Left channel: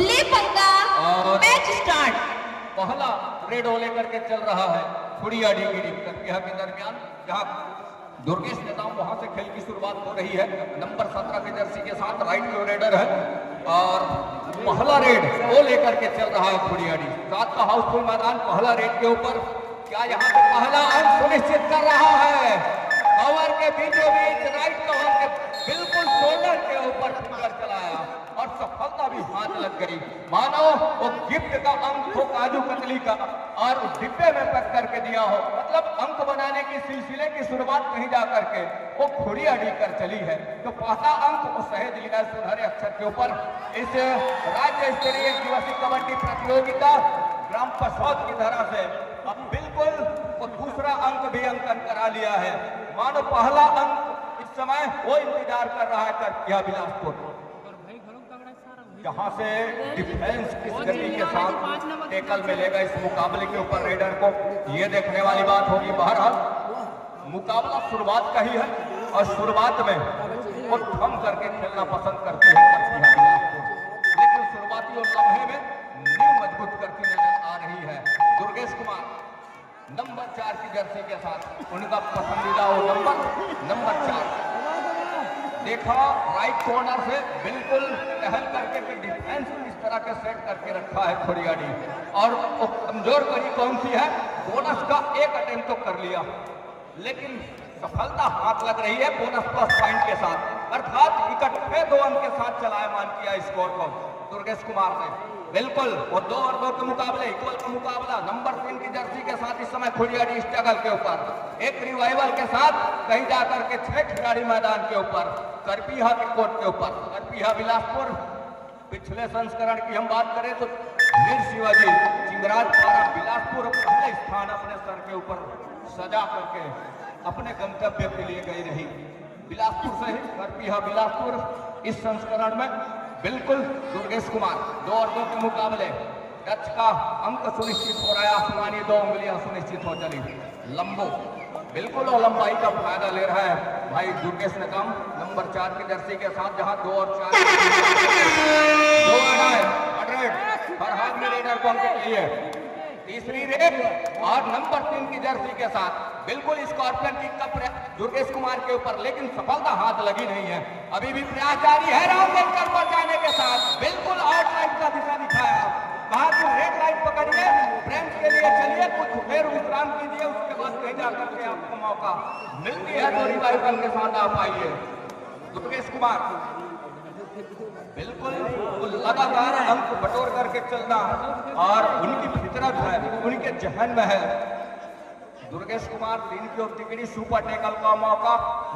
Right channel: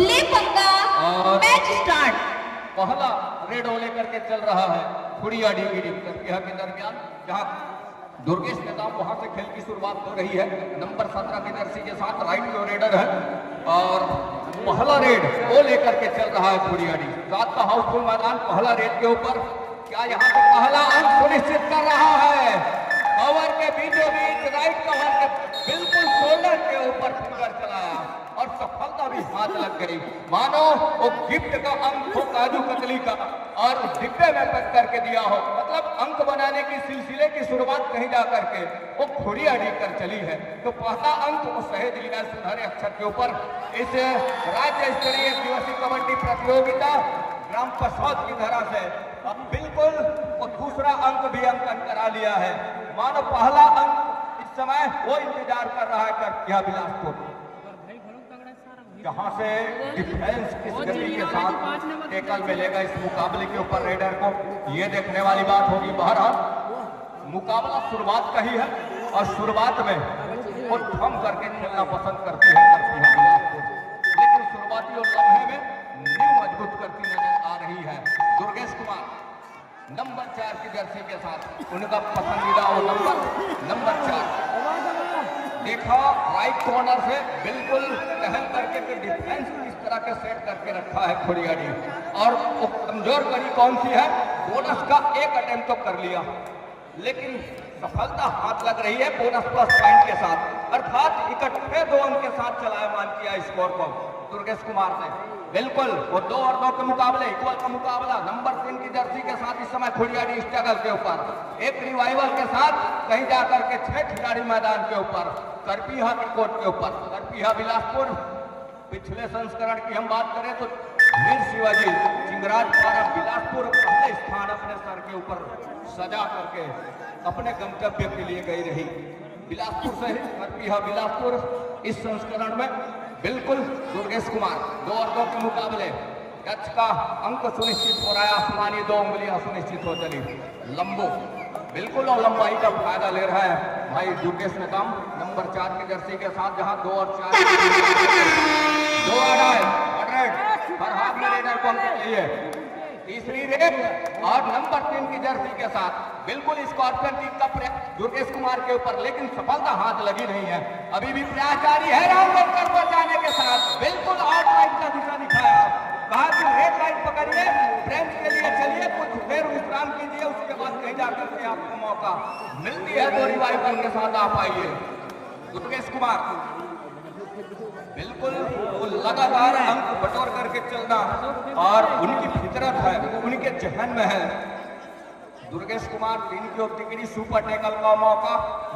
ले पंगा, match start. पहला रेड हो लेकर के चल रहा है खुड़िया डिग्री प्रतिहा के दरमियान, जहां दुर्गेश नेताम वहां से खेल की शुरुआत हो रही है। नंबर 17 की जर्सी के साथ राइट जो रेडर है और पहला रेड वो लेकर के चल रहा है खुड़िया डी। रात का हाउसफुल मैदान पहला रेड के ऊपर, क्या यहाँ पे पहला अंक सुनिश्चित कर रहा है? कवर के बीचों बीच राइट कवर के बिल्कुल शोल्डर के ऊपर फिंगर चलाया और सफलता भी हाथ लग गई। मानो वो गिफ्ट का अंक हो काजू कतली का और डिब्बे में पैक करके दिया हो। मतलब अंक बनाने की सिलसिले की शुरुआत कहीं जा करके वो खुड़िया लेकर चली है। तो पहला अंक वो सहेज लिया सुनहरे अक्षर के ऊपर इस राज्य स्तरीय दिवसीय कबड्डी प्रतियोगिता ग्राम पसौद की धरा से। अब बिल्कुल वो दूसरा अंक भी अंकन करा लिया है। मानो पहला अंक इस समय वो इंतजार कर रहा है प्रतिहा बिलासपुर, जहां से डिफेंस किस गति के साथ टेकल मिलेगा इस मुकाबले के ऊपर रेडर को, ये देखने वाली बात होगी। बहरहाल मुकाबला शुरुआत का ही है और शुरुआत में वो थम करके खेलना पसंद करती है प्रतिहा बिलासपुर, लेकिन शुरुआती और लम्हे में नींव मजबूत करती नजर आ रही है। दुर्गेश कुमार नंबर 4 की जर्सी के साथ उनका पसंदीदा नंबर 4 देखा राइट कॉर्नर से बिल्कुल टहल करके के डिफेंस इस तरह के सेट करके रखा है खुड़िया डी। और वो कमजोर कड़ी कौन सी है? बोनस का एक अटेम्प्ट तो कर लिया, लेकिन सफलता हाथ लग रही है बोनस प्लस पॉइंट के साथ, अर्थात इकट्ठे 2 अंक के साथ चलायमान किया स्कोर को दुर्गेश कुमार ने। बिल्कुल वो 2 और 2 के मुकाबले इक्वल का मुकाबला नंबर 3 की जर्सी के साथ इस समय खुड़िया डी स्ट्रगल के ऊपर एक रिवाइवल के साथ कहीं जाकर के 6 खिलाड़ी मैदान के ऊपर करपीहा के कोर्ट के ऊपर। करपीहा बिलासपुर पिछले संस्करण की हम बात करें तो वीर शिवाजी चिंगराज पारा बिलासपुर पहले स्थान अपने सर के ऊपर सजा करके अपने गंतव्य के लिए गई रही। बिलासपुर से करपीहा बिलासपुर इस संस्करण में बिल्कुल दुर्गेश कुमार 2 और 2 के मुकाबले टच का अंक सुनिश्चित हो रहा है। आसमानी 2 उंगलियां सुनिश्चित हो चली। लंबो बिल्कुल और लंबाई का फायदा ले रहा है भाई दुर्गेश नेताम नंबर 4 की जर्सी के साथ, जहां 2 और 4 2 आ रहा है फरहाद में रेडर को अंक चाहिए। तीसरी रेड और नंबर 3 की जर्सी के साथ बिल्कुल स्कॉर्पियन टीम का दुर्गेश कुमार के ऊपर, लेकिन सफलता हाथ लगी नहीं है। अभी भी प्रयास जारी है राउंड पर जाने के साथ बिल्कुल आउट लाइन का दिशा दिखाया। बहादुर रेड लाइन पकड़िए, ब्रेंच के लिए चलिए, कुछ देर विश्राम कीजिए, उसके बाद कहीं जाकर के आपको मौका मिलती है तो बार के साथ आप आइए। दुर्गेश कुमार बिल्कुल वो लगातार अंक बटोर करके चलना और उनकी फितरत है, उनके जहन में है। दुर्गेश कुमार 3 की डिग्री सुपर टेकल का मौका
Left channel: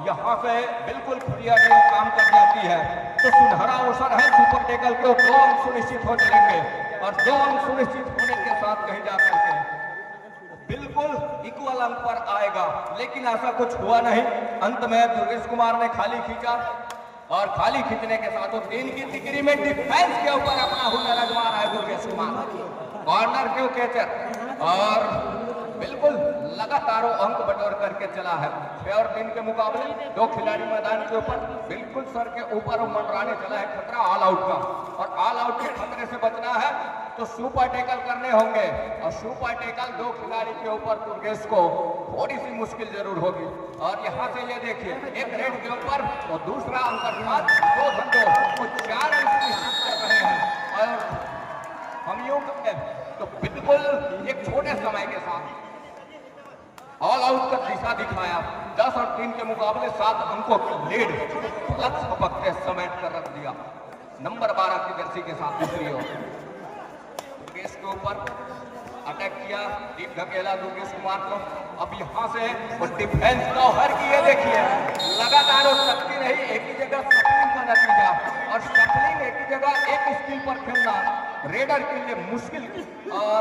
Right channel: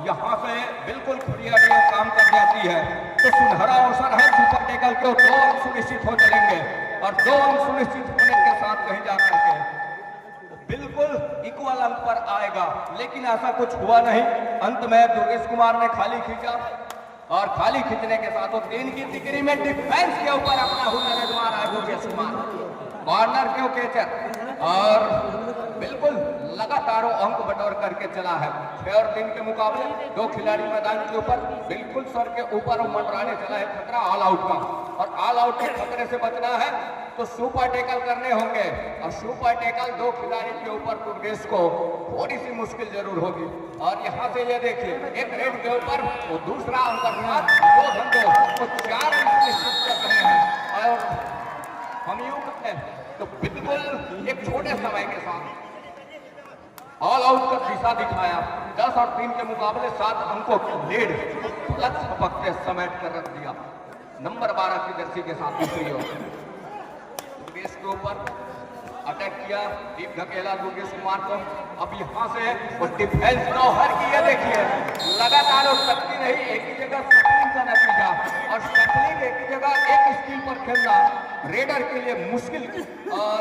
यहाँ से बिल्कुल खुड़िया डी काम कर जाती है तो सुनहरा अवसर है सुपर टेकल के 2 अंक सुनिश्चित हो चलेंगे और 2 अंक सुनिश्चित होने के साथ कहीं जाकर के बिल्कुल इक्वल अंक पर आएगा, लेकिन ऐसा कुछ हुआ नहीं। अंत में दुर्गेश कुमार ने खाली खींचा और खाली खींचने के साथ 3 की डिग्री में डिफेंस के ऊपर अपना हुनर आजमा रहा है दुर्गेश कुमार। कॉर्नर के कैचर और बिल्कुल लगातार अंक बटोर करके चला है। 6 और 3 के मुकाबले 2 खिलाड़ी मैदान के ऊपर बिल्कुल सर के ऊपर मंडराने चला है खतरा ऑल आउट का, और ऑल आउट के खतरे से बचना है तो सुपर टेकल करने होंगे और सुपर टेकल 2 खिलाड़ी के ऊपर दुर्गेश को थोड़ी सी मुश्किल जरूर होगी। और यहाँ से ये देखिए एक रेड के ऊपर तो दूसरा अंक 2 घंटों तो 4 निश्चित कर रहे हैं और हम यूं तो बिल्कुल एक छोटे समय के साथ ऑल आउट का दिशा दिखाया। 10 और 3 के मुकाबले 7 अंकों की लीड प्लस पकड़ते समेट कर रख दिया नंबर 12 की जर्सी के साथ दूसरी ओर। दुर्गेश के ऊपर अटैक किया डीप धकेला दुर्गेश कुमार को। अब यहाँ से वो डिफेंस का हर किया देखिए लगातार वो सकती रही, एक ही जगह सपलिंग का नतीजा और सपलिंग एक ही जगह एक स्किल पर खेलना रेडर के लिए मुश्किल और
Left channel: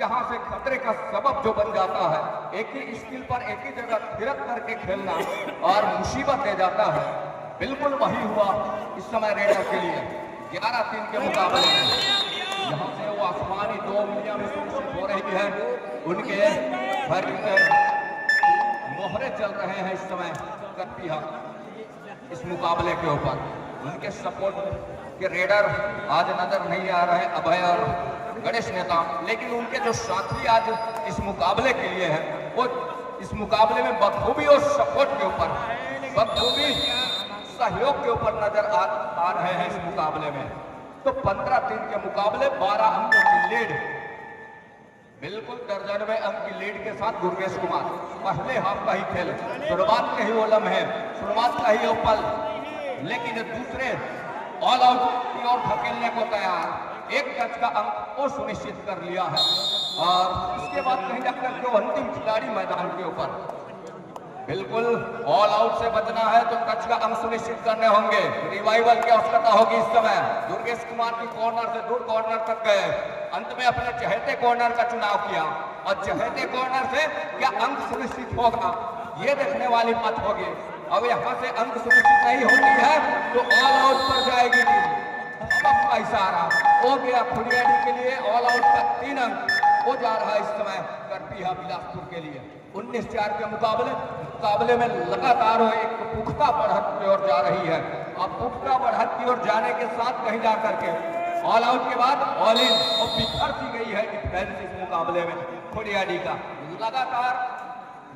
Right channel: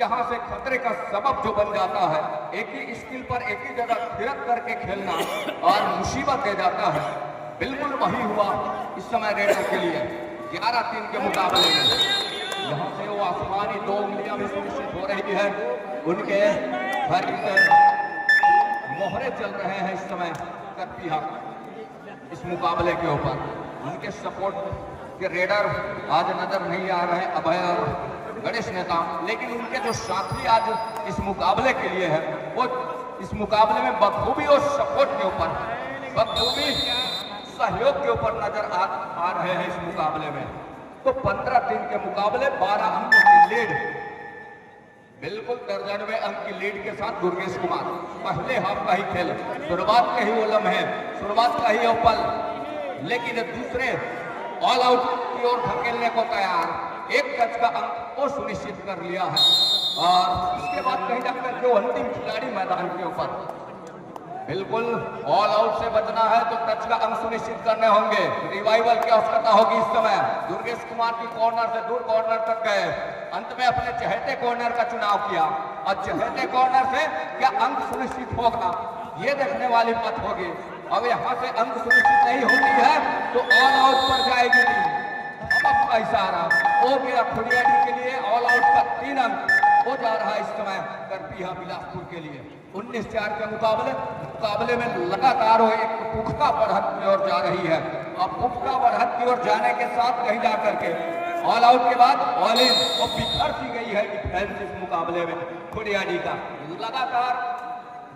यहाँ से खतरे का सबब जो बन जाता है। एक ही स्किल पर एक ही जगह थिरक करके खेलना और मुसीबत दे जाता है। बिल्कुल वही हुआ इस समय रेडर के लिए 11-3 के मुकाबले में। यहाँ से वो आसमानी 2 उंगलियां भी सुनिश्चित हो रही है, उनके हर मोहरे चल रहे हैं इस समय करपीहा इस मुकाबले के ऊपर। उनके सपोर्ट कि रेडर आज नजर नहीं आ रहे अभय और गणेश नेता, लेकिन उनके जो साथी आज इस मुकाबले के लिए हैं वो इस मुकाबले में बखूबी और सपोर्ट के ऊपर, बखूबी सहयोग के ऊपर नजर आ रहे हैं इस मुकाबले में। तो 15-3 के मुकाबले 12 अंकों की लीड, बिल्कुल 93 अंक की लीड के साथ दुर्गेश कुमार। पहले हाफ का ही खेल, शुरुआत के ही वो लम्हे, शुरुआत का ही वो पल, लेकिन दूसरे ऑल आउट की ओर धकेलने को तैयार, एक टच का अंक वो सुनिश्चित कर लिया है। और इसके बाद कहीं ना कहीं जो अंतिम खिलाड़ी मैदान के ऊपर, बिल्कुल ऑल आउट से बचना है तो टच का अंक सुनिश्चित करने होंगे। रिवाइवल की आवश्यकता होगी इस समय। दुर्गेश कुमार की कॉर्नर से दूर कॉर्नर तक गए, अंत में अपने चहेते कॉर्नर का चुनाव किया और चहेते कॉर्नर से क्या अंक सुनिश्चित होगा ये देखने वाली बात होगी। अब यहाँ से अंक सुनिश्चित नहीं होती है तो ऑल आउट पर जाएगी का इशारा हो गया खुड़ियाडी के लिए। ऑल आउट का 3 अंक हो जा रहा है इस समय करपीहा बिलासपुर के लिए। 19-4 के मुकाबले में लगातार एक पुख्ता बढ़त की ओर जा रही है। अब पुख्ता बढ़त की ओर जाने के साथ कहीं जा करके ऑल आउट के बाद ऑल इन और बिखर सी गई है डिफेंस इस मुकाबले में। खुड़ियाडी का लगातार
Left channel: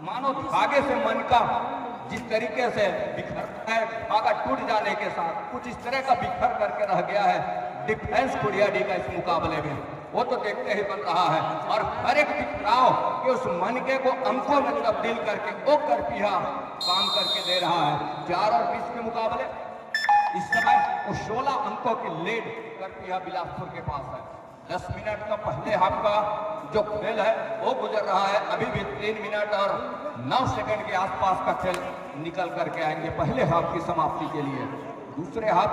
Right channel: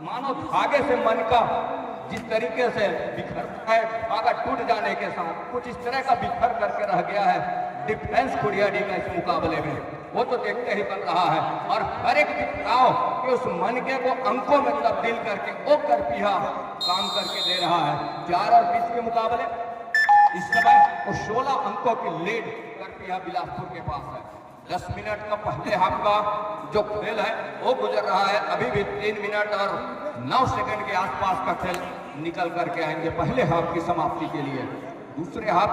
मानो धागे से मन का जिस तरीके से बिखरता है, धागा टूट जाने के साथ कुछ इस तरह का बिखर करके रह गया है डिफेंस खुड़ियाडी का इस मुकाबले में। वो तो देखते ही बन रहा है और हर एक बिखराव के उस मनके को अंकों में तब्दील करके वो करपीहा काम करके दे रहा है। 4 और 20 के मुकाबले इस समय वो 16 अंकों की लीड करपीहा बिलासपुर के पास है। 10 मिनट का पहले हाफ का जो खेल है वो गुजर रहा है। अभी भी 3 मिनट और 9 सेकंड के आसपास का खेल निकल करके आएंगे पहले हाफ की समाप्ति के लिए। दूसरे हाफ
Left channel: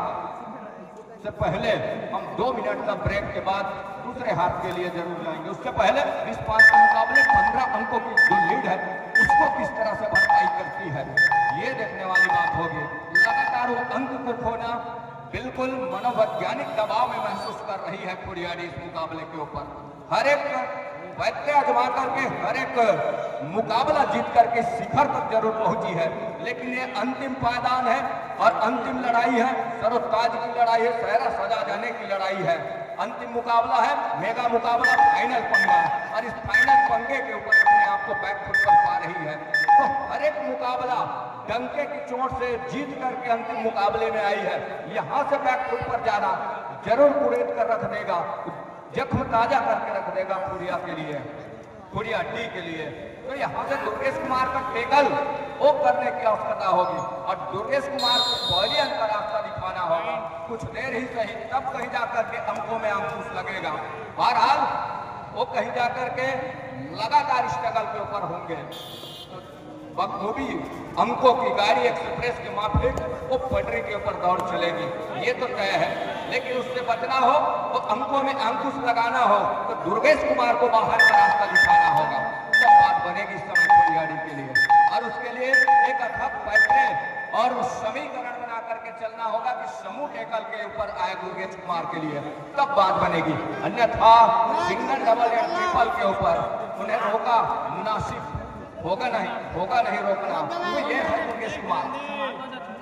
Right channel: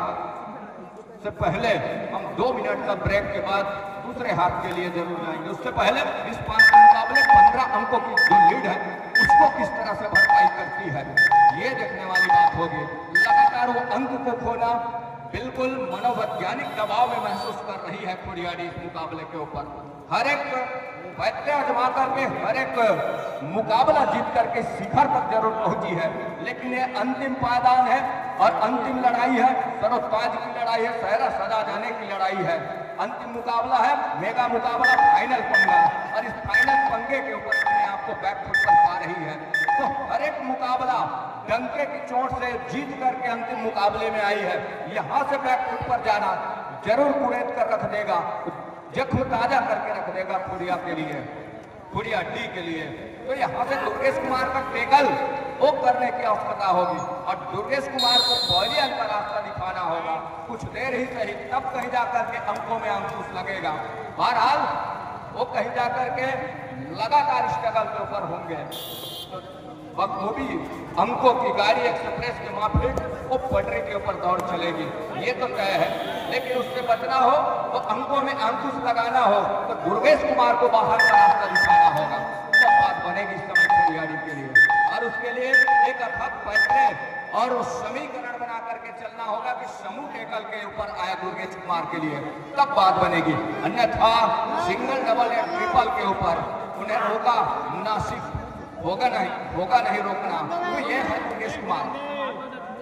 से पहले हम 2 मिनट का ब्रेक के बाद दूसरे हाफ के लिए जरूर जाएंगे। उससे पहले 20-5 के मुकाबले 15 अंकों की जो लीड है उसको किस तरह से भरपाई करती है ये देखने वाली बात होगी। लगातार वो अंक को खोना बिल्कुल मनोवैज्ञानिक दबाव में महसूस कर रही है खुड़ियाडी इस मुकाबले के ऊपर। हर एक वैद्य आजमा करके हर एक मुकाबला जीत करके शिखर तक जरूर पहुंची है, लेकिन ये अंतिम पायदान है और अंतिम लड़ाई है, सरोताज की लड़ाई है, सहरा सजा जाने की लड़ाई है। अंतिम मुकाबला है, मेगा मुकाबला, फाइनल पंगा, और इस फाइनल पंगे के ऊपर अपने आप को बैकफुट पर पा रही है। तो हर एक मुकाबला डंके की चोट से जीत करके अंतिम मुकाबले में आई है। यहाँ से बैकफुट पर जाना जरूर कुरेद कर रख देगा, जख्म ताजा करके रख देगा खुड़िया के लिए, खुड़िया डी के लिए। तो यहाँ से दुर्गेश कुमार का टेकल वो करने की आवश्यकता होगी और दुर्गेश कुमार को पहले अंतर रास्ता दिखाना होगा। कुछ देर ही सही, तब कहीं जाकर के अंकों में अंकुश लगेगा। बहरहाल वो कहीं जाकर के लगातार स्ट्रगल के ऊपर होंगे। बखूबी अंकों की गाड़ी एक्सप्रेस के माफिक वो पटरी के ऊपर दौड़ चलेगी, ये तो तय है। लेकिन उससे बचना हो तो अंकों में अंकुश लगाना हो तो दुर्गेश कुमार को बाहर का रास्ता दिखाना होगा, तब बात बनेगी इस समय खुड़ियाडी के लिए। और उसके लिए एक अथक फैसले और समीकरण बना करके चलना होगा कि समूह टेकल के ऊपर आए दुर्गेश कुमार के लिए, तब बात बनेगी। अन्यथा सिंगल डबल या ट्रिपल के ऊपर उन्हें रोका मुनासिब होगा नहीं रोकना। तो ये है दुर्गेश कुमार,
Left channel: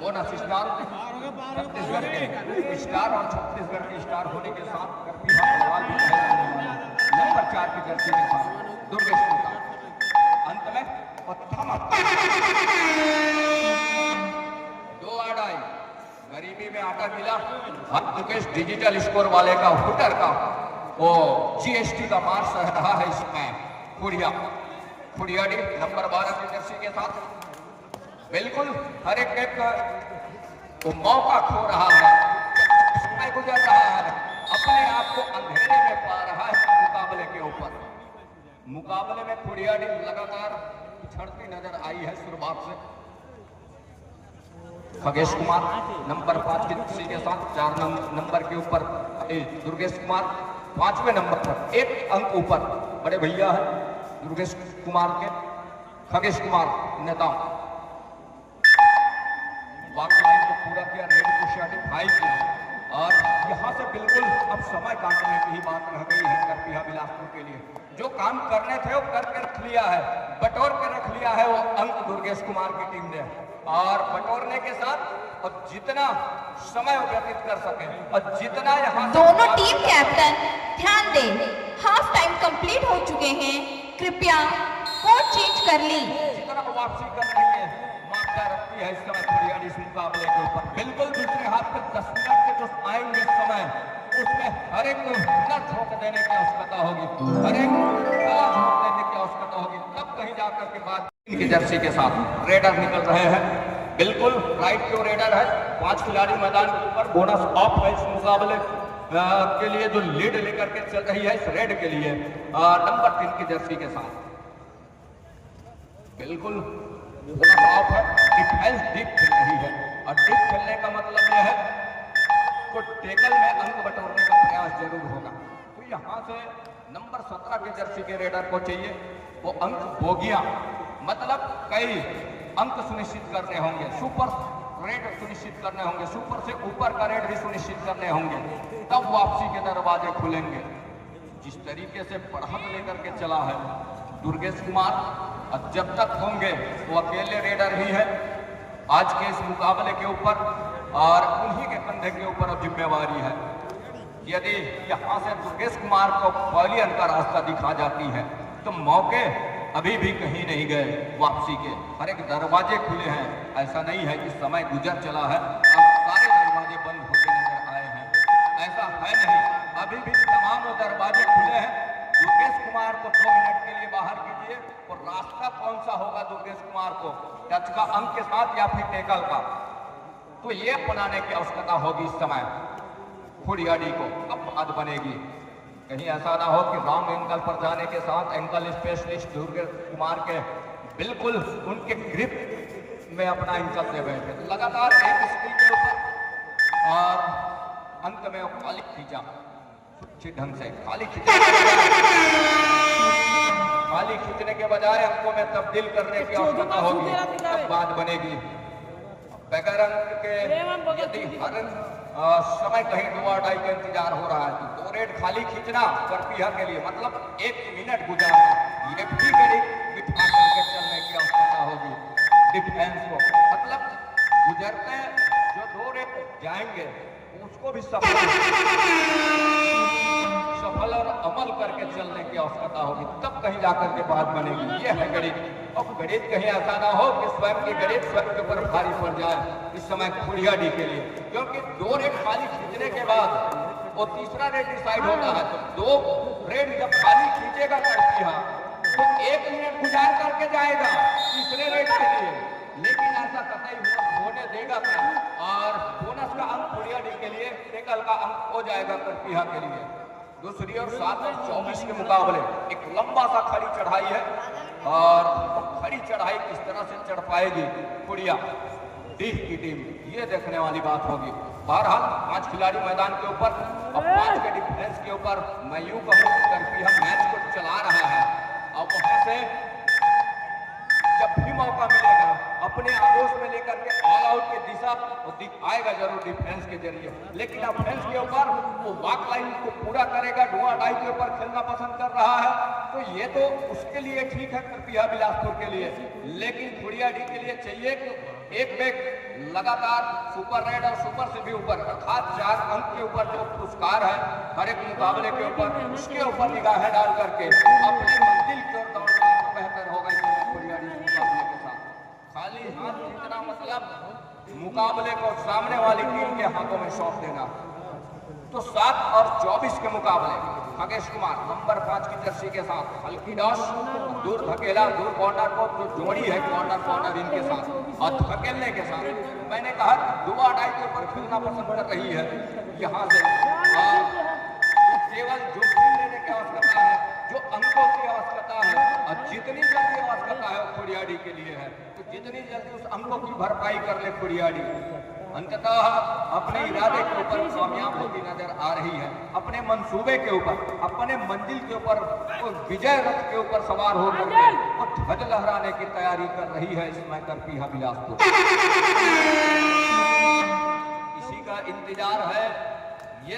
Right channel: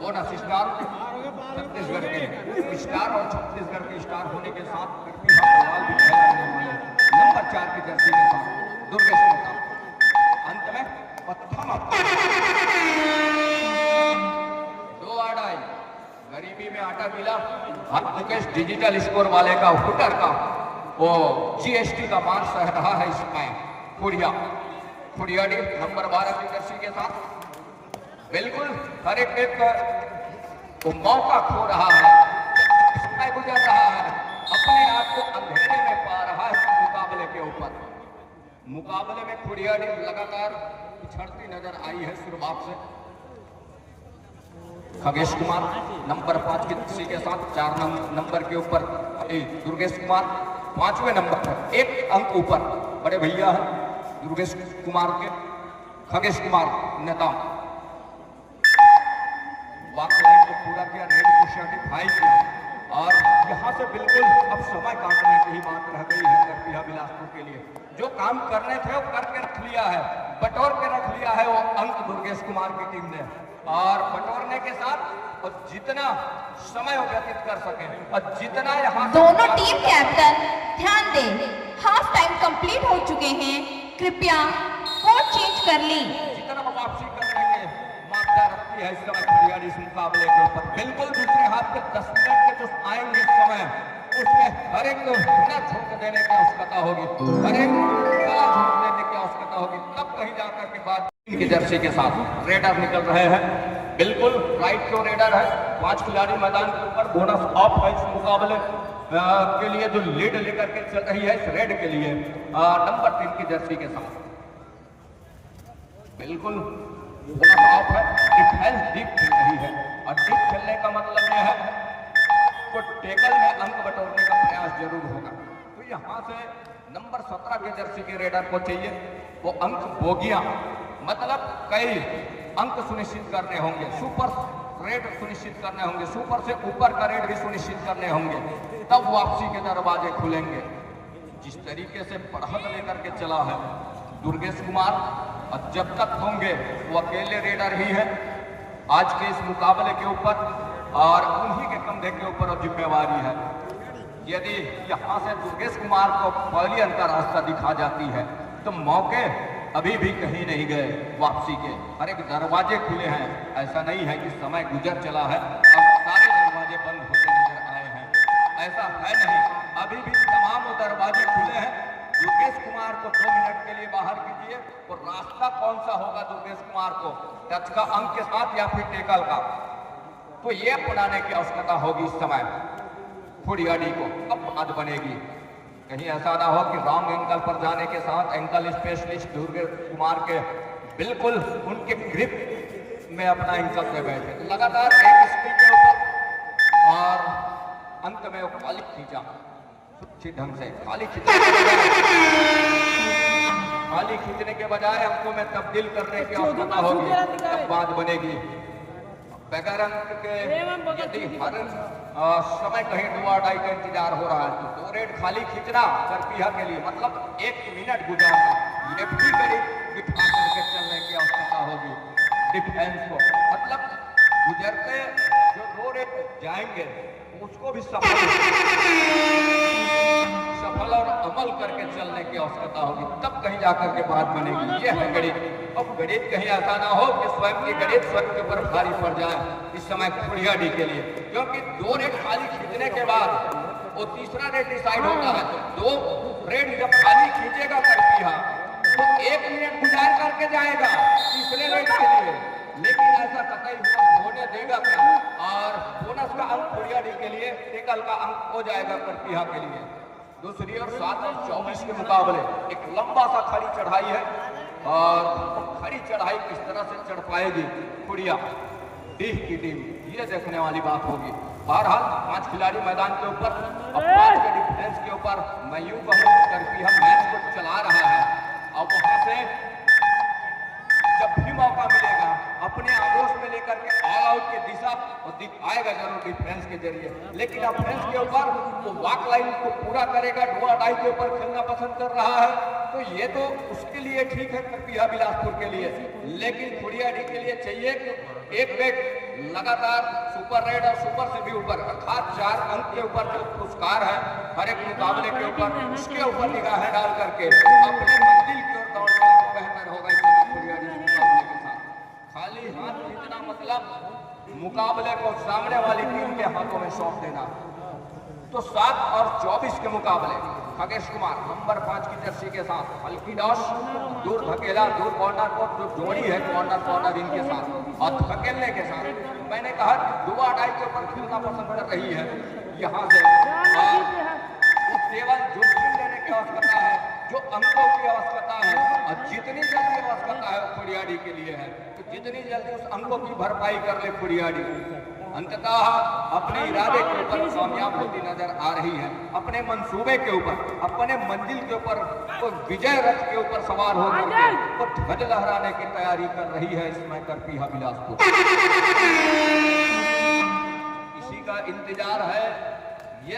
बोनस स्टार छत्तीसगढ़ के स्टार और छत्तीसगढ़ के स्टार होने के साथ नंबर 4 की जर्सी के साथ दुर्गेश कुमार। अंत में प्रथम 2 आड़ाई गरीबी में आटा मिला। दुर्गेश डिजिटल स्कोर वाले का हुटर का वो GST का मार सह रहा है इसमें खुड़ियाडी नंबर 12 की जर्सी के साथ। बिल्कुल हर एक तो मौका खो रहा है, समय गुजर रहा है, अपने आप को अंधेरे में पा रहा है मुकाबले के ऊपर। मुकाबले में खुड़ियाडी लगातार पिछड़ती नजर आई है शुरुआत से। खगेश कुमार नंबर 5 की जर्सी के साथ 4 नंबर के ऊपर दुर्गेश कुमार 5वें नंबर पर 1 अंक ऊपर बड़े भैया है दुर्गेश कुमार के। खगेश कुमार नेता वाक्य लाइन को पूरा किया, रेड को सर्टिफाई किया और यहाँ से बिल्कुल अब समय काटने की ही बात रह गई है करपीहा बिलासपुर के लिए। जो काम करने थे वो करके रख लिया है, बटोर के रख लिया है वो अंक दुर्गेश कुमार की टीम ने। और बटोरने के साथ और जितना समय व्यतीत कर सके और जितना यहाँ दोनों टीम कैप्टन ध्यान दें, हाफ टाइम कंप्लीट हो चुके हैं, कृपया कोर्ट चेंज कर ली। जितना वापसी करने के मामला रखती है इस समय फरियादी इस मुकाबले के ऊपर। बिल्कुल दूसरे हाथ पे 10 मिनट के जो आएंगे समय, उसमें हर एक को बिना झोंक देने की आवश्यकता होगी, हर एक को बिना झोंक देने की आवश्यकता होगी, तब कहीं जाकर के बाद की जर्सी के साथ रेडर निकल रहे हैं। बिल्कुल राइट टू रेडर है, 5 खिलाड़ी मैदान के ऊपर, बोनस ऑफ है इस मुकाबले के लिए जो लीड लेकर के चल रही है इस रेड के लिए नंबर 3 की जर्सी के साथ। बिल्कुल बोनस ऑफ है, डिफेंस डीप खेल रही है और डीप खेलने का मतलब यह है तो टेकल में अंक बटोरने का प्रयास जरूर होगा। तो यहाँ से नंबर 17 की जर्सी के रेडर को चाहिए वो अंक बोगियां, मतलब कई अंक सुनिश्चित करने होंगे, सुपर रेट सुनिश्चित करने होंगे, सुपर से ऊपर का रेट भी सुनिश्चित करने होंगे, तब वापसी के दरवाजे खुलेंगे। जिस तरीके से बढ़त लेकर के चला है दुर्गेश कुमार, अब जब तक होंगे वो अकेले रेडर ही है आज के इस मुकाबले के ऊपर और उन्हीं के कंधे के ऊपर अब जिम्मेवारी है। यदि यहाँ से दुर्गेश कुमार को पहली अंतर रास्ता दिखा जाती है तो मौके अभी भी कहीं नहीं गए वापसी के, हर एक दरवाजे खुले हैं। ऐसा नहीं है कि समय गुजर चला है अब सारे दरवाजे बंद होते नजर आए हैं, ऐसा है नहीं, अभी भी तमाम दरवाजे खुले हैं। दुर्गेश कुमार को 2 मिनट के लिए बाहर कीजिए और रास्ता कौन सा होगा दुर्गेश कुमार को, टच का अंक के साथ या फिर टेकल का, तो ये अपनाने की आवश्यकता होगी इस समय फुरियाडी को। अब बात बनेगी कहीं ऐसा ना हो कि रॉन्ग एंगल पर जाने के साथ एंकल स्पेशलिस्ट दुर्गेश कुमार के बिल्कुल उनके ग्रिप में अपना एंकल से बैठे, लगातार एक स्किल के ऊपर और अंत में वो खाली खींचा अच्छी ढंग से, खाली खींचने के बजाय अंकों में तब्दील करने की आवश्यकता होगी। बात बनेगी बगैर अंक के यदि हर समय कहीं डुआ डाई का इंतजार हो रहा है तो 2 रेड खाली खींचना करपीहा के लिए मतलब 1 मिनट गुजारना, ये भी करीब चलने की आवश्यकता होगी डिफेंस को, मतलब गुजरते जो 2 रेड जाएंगे उसको भी सफल और अमल करके चलने की आवश्यकता होगी, तब कहीं जाकर के बात बनेगी। ये है गणित। अब गणित कहीं ऐसा ना हो कि स्वयं की गणित स्वयं के ऊपर भारी पड़ जाए इस समय फुरियाडी के लिए, क्योंकि 2 रेड खाली खींचने के बाद वो तीसरा रेड डिसाइड होता है। तो 2 रेड जब खाली खींचेगा करपीहा तो 1 मिनट गुजार करके जाएगा तीसरे रेड के लिए, लेकिन ऐसा कतई होने देगा क्या और बोनस का अंक फुरियाडी के लिए टेकल का अंक हो जाएगा करपीहा के लिए। दूसरी और 7 और 24 के मुकाबले एक लंबा सा खड़ी चढ़ाई है और खड़ी चढ़ाई किस तरह से चढ़ पाएगी फुरिया डीह की टीम, ये देखने वाली बात होगी। और हम 5 खिलाड़ी मैदान के ऊपर और 5 के डिफेंस के ऊपर मैं यूं कहूँ करपीहा मैच को चला रहा है और वहां से जब भी मौका मिलेगा अपने आगोश में लेकर के ऑल आउट की दिशा दिखाएगा जरूर डिफेंस के जरिए, लेकिन ऑफेंस के ऊपर वो वॉक लाइन को पूरा करेगा, डुआ डाई के ऊपर खेलना पसंद कर रहा है, तो ये तो उसके लिए ठीक है करपीहा बिलासपुर के लिए, लेकिन फुरियाडी के लिए चाहिए कि एक बैग लगातार सुपर रेड और सुपर से भी ऊपर अर्थात 4 अंक के ऊपर जो पुरस्कार है हर एक मुकाबले के ऊपर, उसके ऊपर निगाहें डाल करके अपने मंजिल की ओर दौड़ना बेहतर होगा इस फुरियाडी मुकाबले के साथ। खाली हाथ खींचना मतलब मुकाबले को सामने वाली टीम के हाथों में सौंप देना। तो 7 और 24 के मुकाबले खगेश कुमार नंबर 5 की जर्सी के साथ हल्की डॉस दूर धकेला, दूर कॉर्नर को जो जोड़ी है कॉर्नर इनके साथ और धकेलने के साथ मैंने कहा डुआ डाई के ऊपर खेलना पसंद कर रही है यहाँ से, केवल जोखिम लेने की आवश्यकता है, जो अंकों की आवश्यकता है और जितनी जल्दी आवश्यकता है फुरियाडी के लिए है, तो जितनी जल्दी उस अंकों की भरपाई कर ले फुरियाडी अंततः अपने इरादे के ऊपर कामयाब होती नजर आ रही है, अपने मंसूबे के ऊपर, अपने मंजिल के ऊपर, तो विजय रथ के ऊपर सवार होकर और ध्वज लहराने की तैयारी कर रही है इस समय करपीहा बिलासपुर। इसी का इंतजार है, ये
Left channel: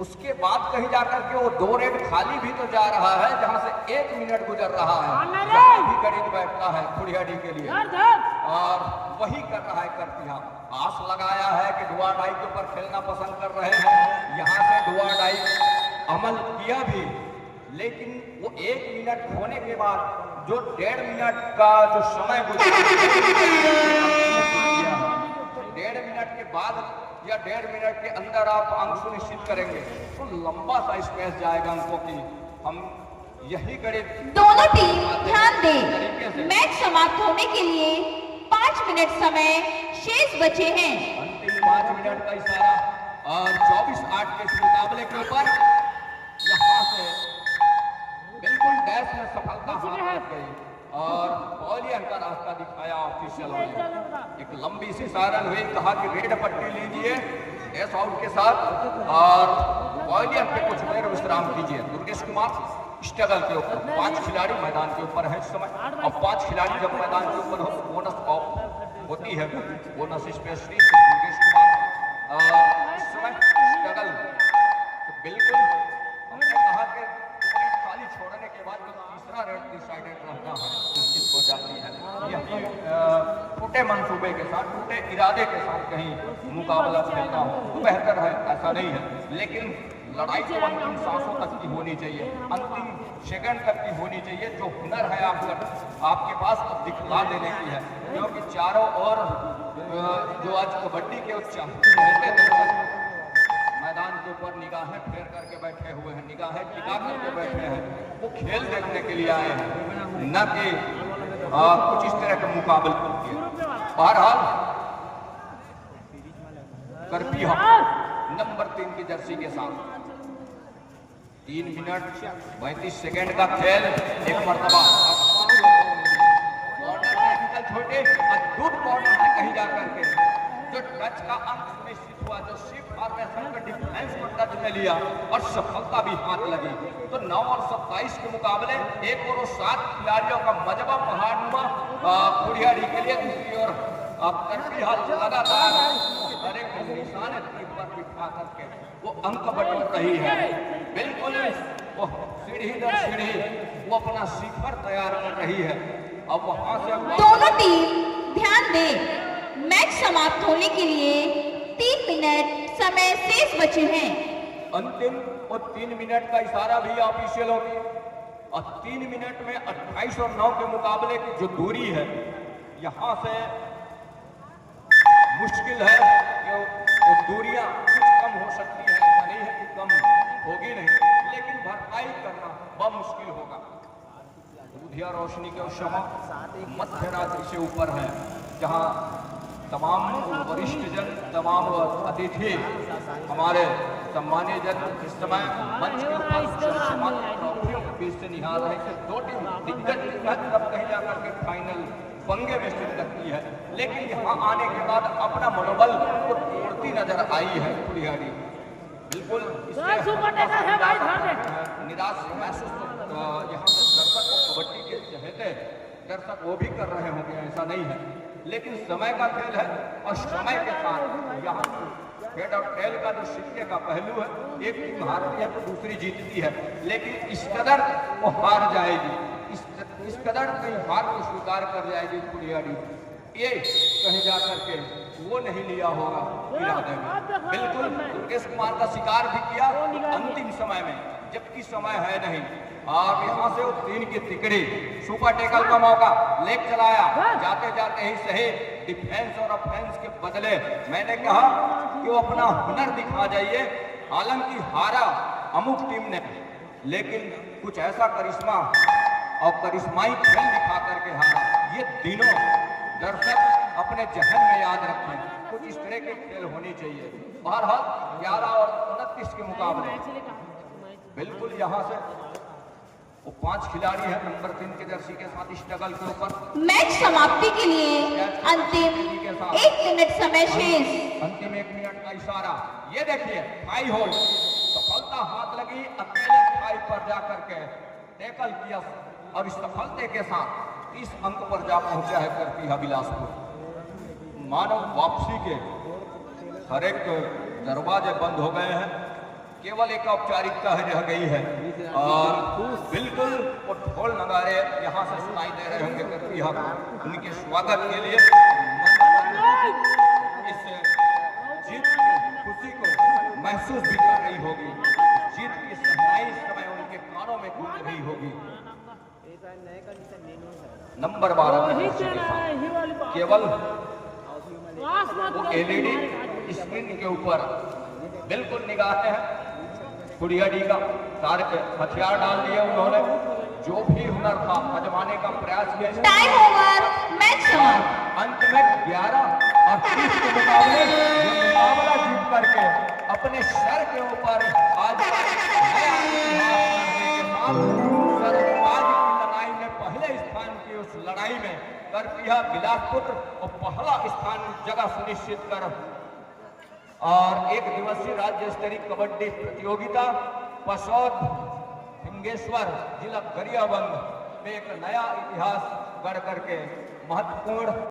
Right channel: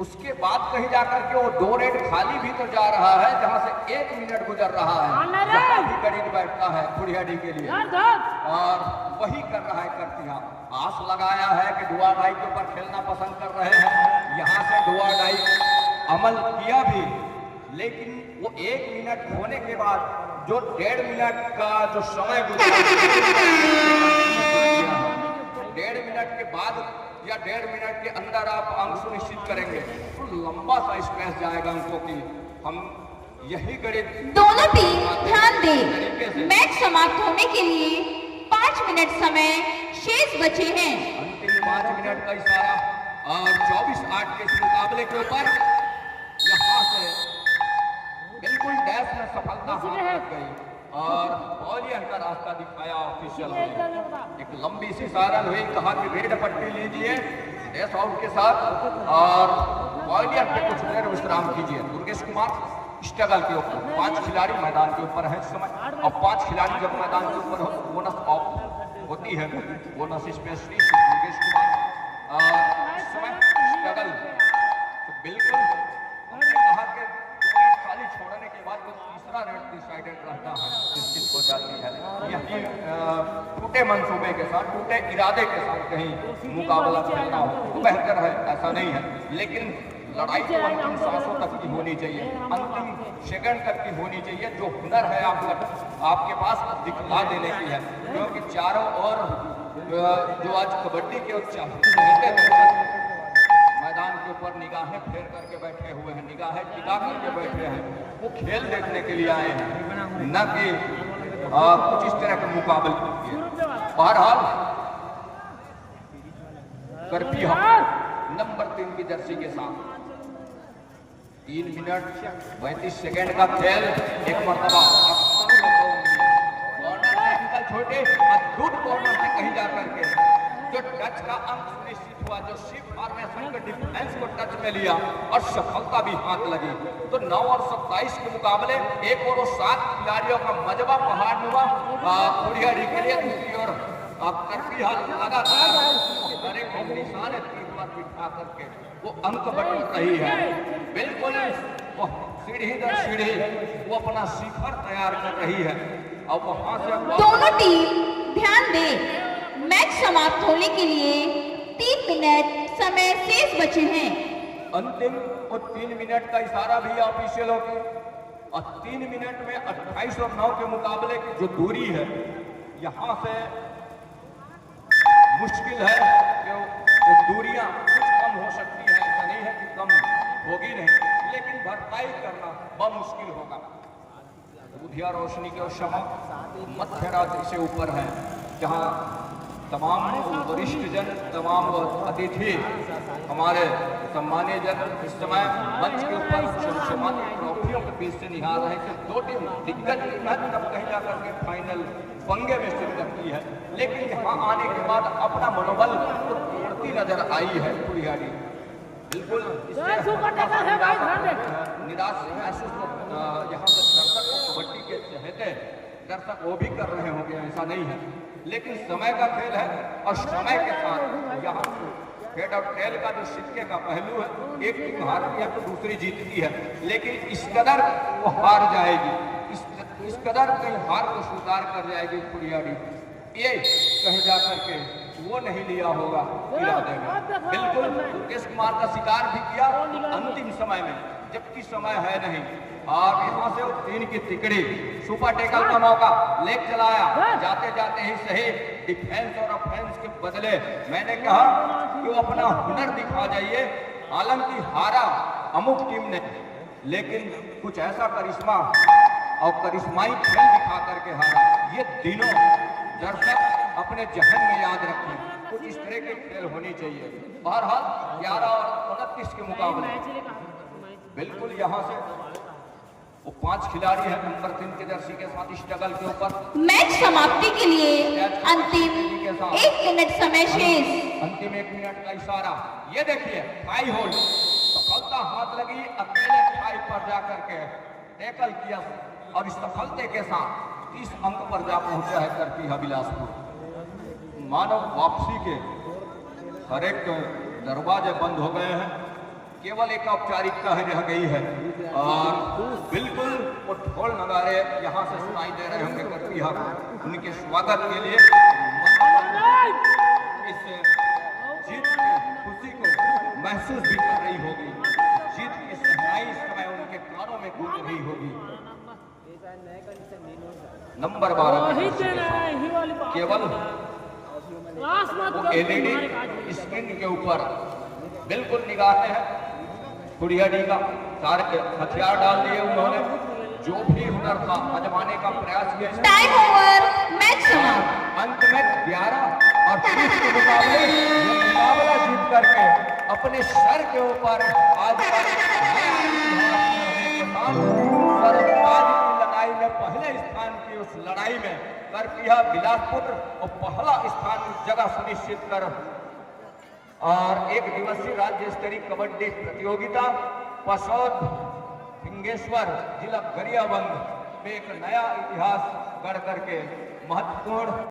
उसके बाद कहीं जाकर के वो 2 रेड खाली भी तो जा रहा है जहां से 1 मिनट गुजर रहा है, गणित बैठता है फुरियाडी के लिए और वही कर रहा है करतिहा। आस लगाया है कि दुआ डाई के ऊपर खेलना पसंद कर रहे हैं, यहाँ से दुआ डाई अमल किया भी, लेकिन वो 1 मिनट होने के बाद जो 1.5 मिनट का जो समय गुजरा, 1.5 मिनट के बाद या 1.5 मिनट के अंदर आप अंक सुनिश्चित करेंगे तो लंबा सा स्पेस जाएगा अंकों की। हम यही गणित दोनों टीम ध्यान दें, मैच समाप्त होने के लिए 5 मिनट समय शेष बचे हैं। अंतिम 5 मिनट का इशारा और 24-8 के इस मुकाबले के ऊपर यहाँ से बिल्कुल डैश में सफलता हासिल गई और बॉलियन का रास्ता दिखाया ऑफिशियल ने। एक लंबी सी सारल हुई, कहा कि रेड पट्टी लीजिए डैश आउट के साथ और बॉलियन पे कुछ देर विश्राम कीजिए। दुर्गेश कुमार स्ट्रगल के ऊपर 5 खिलाड़ी मैदान के ऊपर है इस समय, और 5 खिलाड़ी जब मैदान के ऊपर हो तो बोनस ऑफ होती है, बोनस स्पेशलिस्ट दुर्गेश कुमार इस समय स्ट्रगल। तो बिल्कुल हमने कहा कि खाली छोड़ने के बाद तो तीसरा रेड डिसाइडेड रहना है निश्चित हो जाती है। टूटे मंसूबे के साथ, टूटे इरादे के साथ कहीं मुकाबला खेलना हो तो बेहतर है, ऐसा नहीं है, लेकिन लड़ाई तो अंतिम सांसों तक की होनी चाहिए, अंतिम सेकंड तक की होनी चाहिए। जो हुनर है आपके पास दिखला देने की है, क्योंकि चारों ओर जो आज कबड्डी के मैदान के ऊपर निगाहें फेर करके बैठे हुए हैं, निगाहें टिका करके बैठे हैं, वो खेल देखने के लिए आए हैं, न कि कुछ इस तरह के मुकाबले। बहरहाल करती नंबर 3 की जर्सी के साथ 3 मिनट 35 सेकेंड का खेल, एक मरतबा छोटे अद्भुत कॉर्नर से कहीं जाकर के जो टच का अंक सुनिश्चित हुआ, जो शिफ्ट फॉर्मेशन के डिफेंस को टच में लिया और सफलता भी हाथ लगी। तो 9 और 27 के मुकाबले एक और 7 खिलाड़ियों का मजबा पहाड़नुमा फुरियाडी के लिए दूसरी ओर वो अंक बटन रही है। बिल्कुल वो सीढ़ी दर सीढ़ी वो अपना शिखर तैयार कर रही है। अब वहां से दोनों टीम ध्यान दें, मैच समाप्त होने के लिए 3 मिनट समय शेष बचे हैं। अंतिम और 3 मिनट का इशारा भी ऑफिशियल होगी और 3 मिनट में 28 और 9 के मुकाबले की जो दूरी है, यहाँ से मुश्किल है कि वो दूरियां कुछ कम हो सकती है, ऐसा नहीं है कि कम होगी नहीं, लेकिन भरपाई करना बहुत मुश्किल होगा। बुधिया रोशनी के शमा मध्य रात्रि से ऊपर है, जहाँ तमाम वरिष्ठ जन, तमाम अतिथि, हमारे सम्मानीय जन इस समय मंच के ऊपर सम्मानित ट्रॉफियों के बीच से निहार रहे थे। 2 टीम दिग्गज कहीं जाकर के फाइनल पंगे में शिरकत करती है, लेकिन यहाँ आने के बाद अपना मनोबल टूटती नजर आई है फुरियाडी। बिल्कुल निराश महसूस यहाँ पर दर्शक कबड्डी के चहेते दर्शक वो भी कर रहे होंगे, ऐसा नहीं है, लेकिन समय का खेल है और समय के साथ यहाँ हेड ऑफ खेल का जो सिक्के का पहलू है, एक टीम हारती है तो दूसरी जीतती है, लेकिन इस कदर वो हार जाएगी, इस कदर कोई हार को स्वीकार कर जाएगी फुरियाडी, ये कहीं जाकर के वो नहीं लिया होगा इरादे में। बिल्कुल दुर्गेश कुमार का शिकार भी किया अंतिम समय में, जबकि समय है नहीं। आप यहाँ से 3 की तिकड़ी सुपर टेकल का मौका लेग चलाया, जाते जाते ही सही डिफेंस और ऑफेंस के बदले मैंने कहा कि वो अपना हुनर दिखा जाइए। हालांकि हारा अमुक टीम ने, लेकिन कुछ ऐसा करिश्मा और करिश्माई खेल दिखा करके हारा। ये दिनों दर्शक अपने जहन में याद रखें, कुछ इस तरह के खेल होनी चाहिए। बहरहाल 11 और 29 के मुकाबले बिल्कुल यहाँ से वो 5 खिलाड़ी हैं नंबर 3 की जर्सी के साथ स्ट्रगल के ऊपर। मैच समाप्ति के लिए अंतिम 1 मिनट समय शेष। अंतिम 1 मिनट का इशारा, ये देखिए हाई होल्ड, सफलता हाथ लगी, अकेले हाई पर जाकर के टैकल किया। अब इस सफलते के साथ 30 अंक पर जा पहुंचा है करती है बिलासपुर। मानव वापसी के हर एक दरवाजे बंद हो गए हैं केवल एक औपचारिकता है रह गई है और बिल्कुल वो ढोल नगाड़े यहाँ से सुनाई दे रहे होंगे करके यहाँ उनके स्वागत के लिए इस जीत की खुशी को महसूस भी कर रही होगी। जीत की सहनाई इस समय उनके कानों में गूंज रही होगी। नंबर 12 केवल एलईडी स्क्रीन के ऊपर बिल्कुल निगाह हैं कुड़ियाडी का सारे हथियार डाल दिए उन्होंने। जो भी हुनर था आजमाने का प्रयास किया। टाइम ओवर, मैच और अंत में 11 और 30 के मुकाबले ये मुकाबला जीत करके अपने शहर के ऊपर आज का नया इतिहास करने के साथ सर्वराज की लड़ाई में पहले स्थान की उस लड़ाई में करके यह बिलासपुर और पहला स्थान जगह सुनिश्चित कर और एक दिवसीय राज्य स्तरीय कबड्डी प्रतियोगिता पसौद सिंगेश्वर जिला गरियाबंद में एक नया इतिहास गढ़ करके महत्वपूर्ण